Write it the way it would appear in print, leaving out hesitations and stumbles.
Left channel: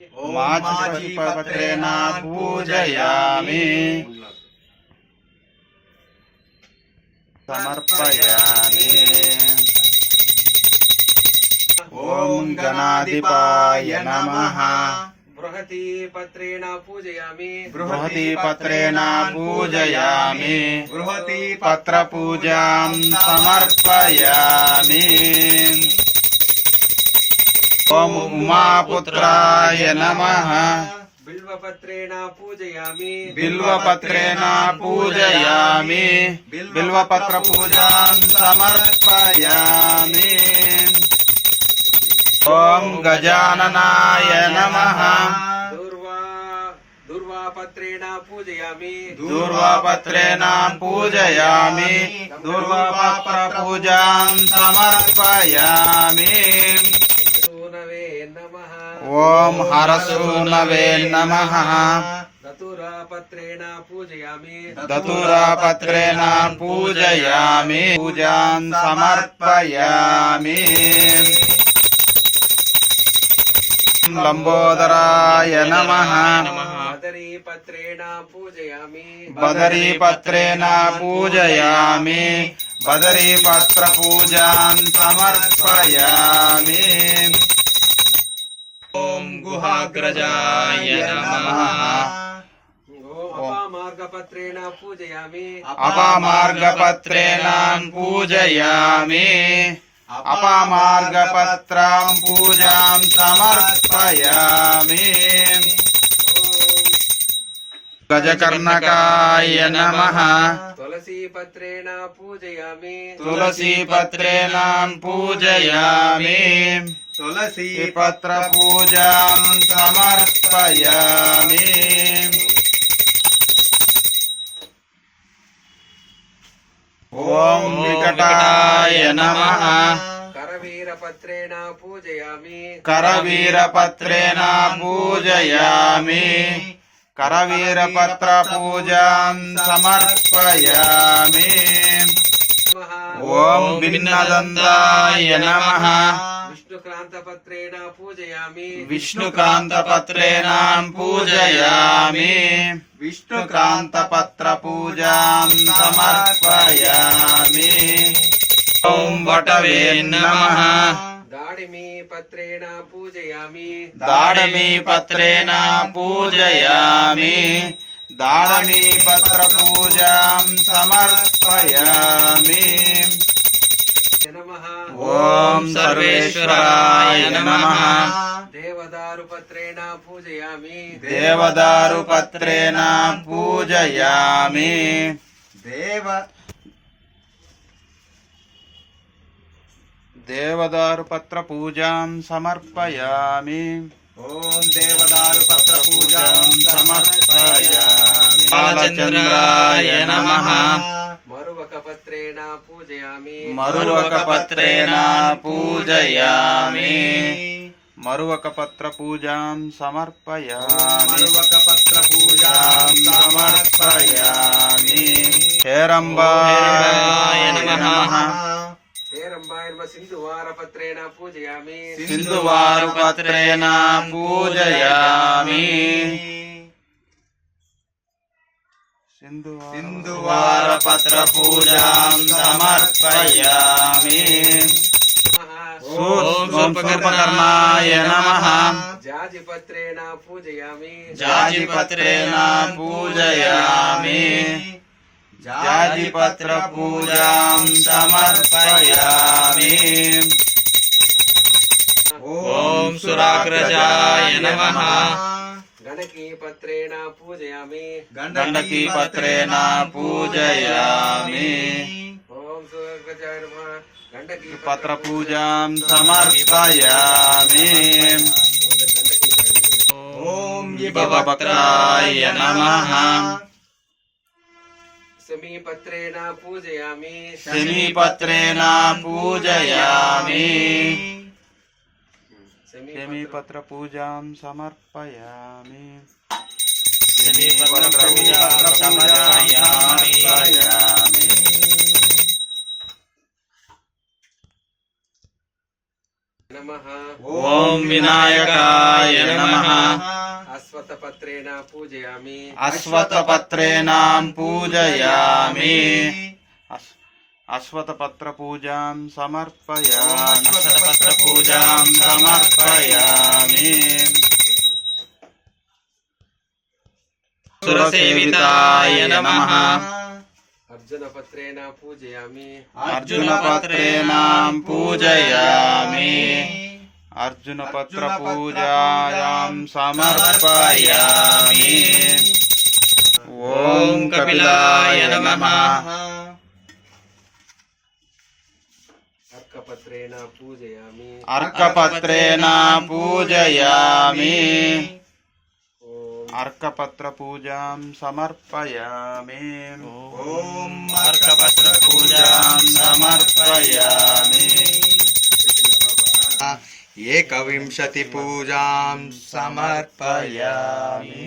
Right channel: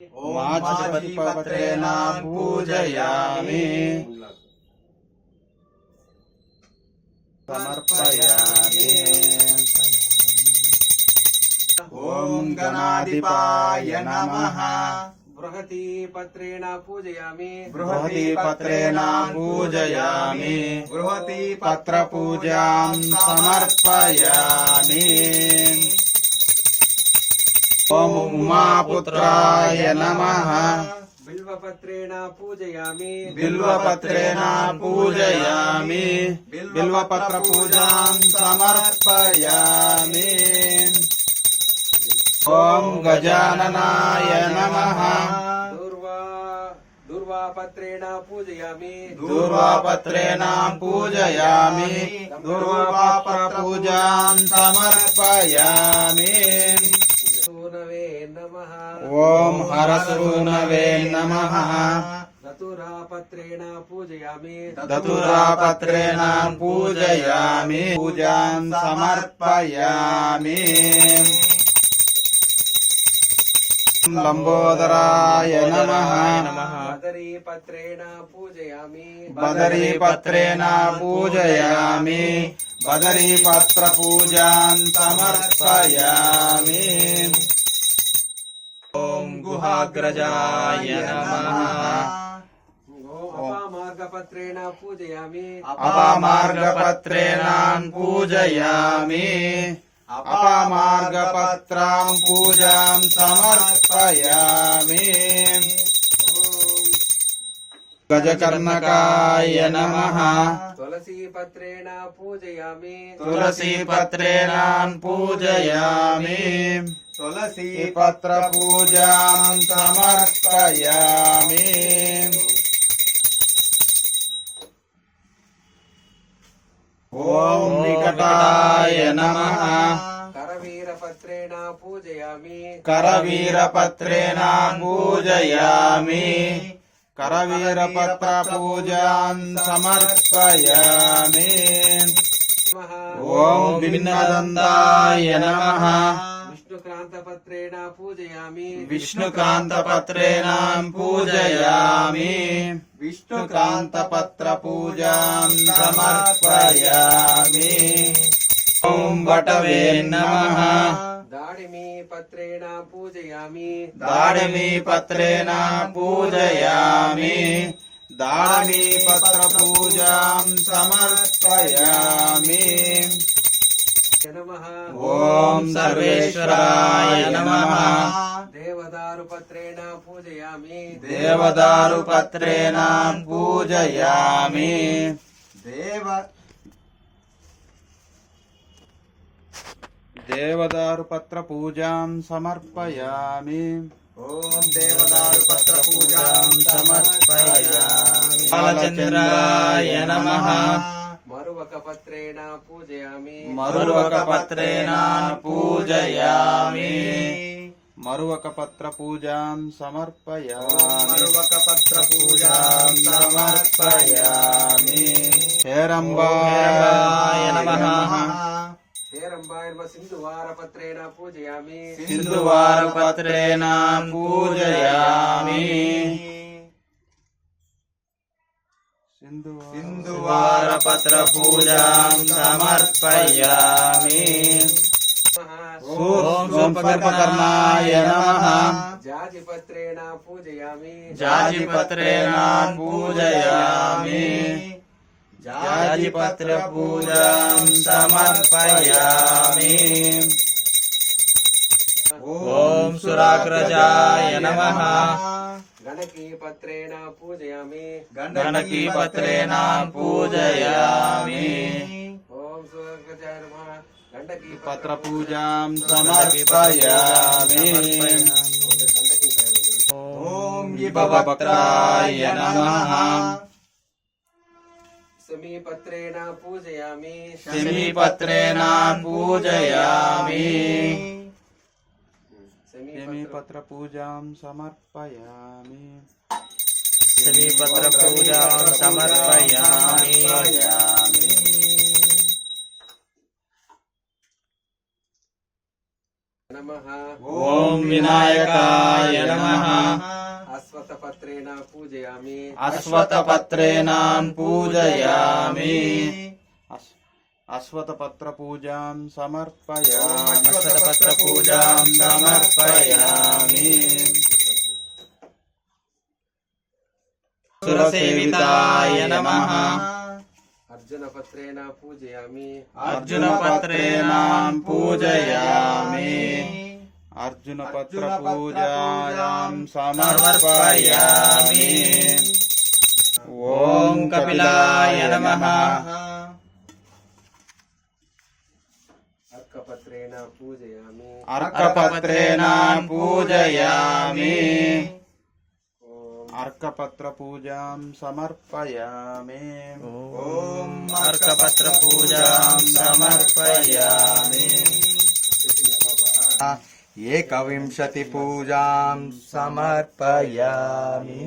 माचीपत्रेण पूजयामि समर्पयामि। ओम गणाधिपाय नमः। बृहतीपत्रेण पूजयामि बृहतीपत्रेण पूजयामि। बृहतीपत्रपूजां समर्पयामि। ओम उमापुत्राय नमः। बिल्वपत्रेण पूजयामि बिल्वपत्रेण पूजयामि। बिल्वपत्रपूजां समर्पयामि। ओम गजाननाय नमः। दूर्वापत्रेण पूजयामि दूर्वापत्रेण पूजयामि। दूर्वापत्रपूजां समर्पयामि। सूनवे नमः। ओम हरसूनवे नमः। दतुरापत्रेण पूजयामि दतुरापत्रेण पूजयामि। पूजां समर्पयामि। लंबोदराय नमः। बदरीपत्रेण पूजयामि बदरीपत्रेण पूजयामि। बदरीपत्रपूजां समर्पयामि। ओम गुहाग्रजाय नमः। अपामार्गपत्रेण पूजयामि अपामार्गपत्रेण पूजयामि। अपामार्गपत्रां पूजां समर्पयामि। गजकर्णकाय नमः। तुलसीपत्रेण पूजयामि तुलसीपत्रेण पूजयामि। तुलसीपत्रपूजां समर्पयामि। ओम विकटाय नमः। करवीरपत्रेण पूजयामि करवीरपत्रेण पूजयामि। करवीरपत्रपूजां समर्पयामि। ओम भिन्नदन्ताय नमः। विष्णुक्रान्तपत्रेण पूजयामि विष्णुक्रान्तपत्रेण पूजयामि। विष्णुक्रान्तपत्रपूजां समर्पयामि। ओम वटवे नमः। दाडिमीपत्रेण पूजयामि दाडमीपत्रेण पूजयामि। दाडमीपत्रपूजां समर्पयामि। नमः। ओम सर्वेश्वराय नमः। देवदारुपत्रेण पूजयामि देवदारुपत्रेण पूजयामि। देवदारुपत्रपूजां समर्पयामि। ओम देवदारुपत्रपूजां समर्पयामि। बालचन्द्राय नमः। मरुवकपत्रेण पूजयामि मरुवकपत्रेण पूजयामि। मरुवकपत्रपूजां समर्पयामि। मरुवकपत्रपूजां समर्पयामि। हेरम्बाय नमः। हेरम्बायर्म सिन्धुवारपत्रेण पूजयामि सिन्धुवारुपत्रेण पूजयामि। सिन्धुवारपत्रपूजां समर्पयामि। ओम सूर्पकर्णाय नमः। जाजिपत्रेण पूजयामि जाजिपत्रेण पूजयामि। जाजिपत्रपूजां समर्पयामि। ओम सुराग्रजाय नमः। गणकीपत्रेण पूजयामि गण्डकीपत्रेण पूजयामि। ओम सुराग्रजाय नमः। पत्रपूजां समर्पयामि। ओम विभवक्त्राय नमः। समीपत्रेण पूजयामि समीपत्रेण पूजयामि। समीपत्रपूजां समर्पयामि। समीपत्रपूजां समर्पयामि। नमः ఓం వినాయకాయ నమః अश्वत्थपत्रेण पूजयामि అశ్వత్థపత్రేణ పూజయామి అశ్వత్థపత్ర పూజాం సమర్పయామి అశ్వత్థపత్ర పూజాం సమర్పయామి సురసేవితాయ నమః अर्जुनपत्रेण पूजयामि అర్జునపత్రేణ పూజయామి అర్జునపత్ర పూజాయాం సమర్పయామి ఓం కపిలాయ నమః अर्कपत्रेण पूजयामि అర్కపత్రేణ పూజయామి ॐ అర్కపత్ర పూజాం సమర్పయామి ఓం అర్కపత్ర పూజాం సమర్పయామి ఏకవింశతి పూజాం సమర్పయామి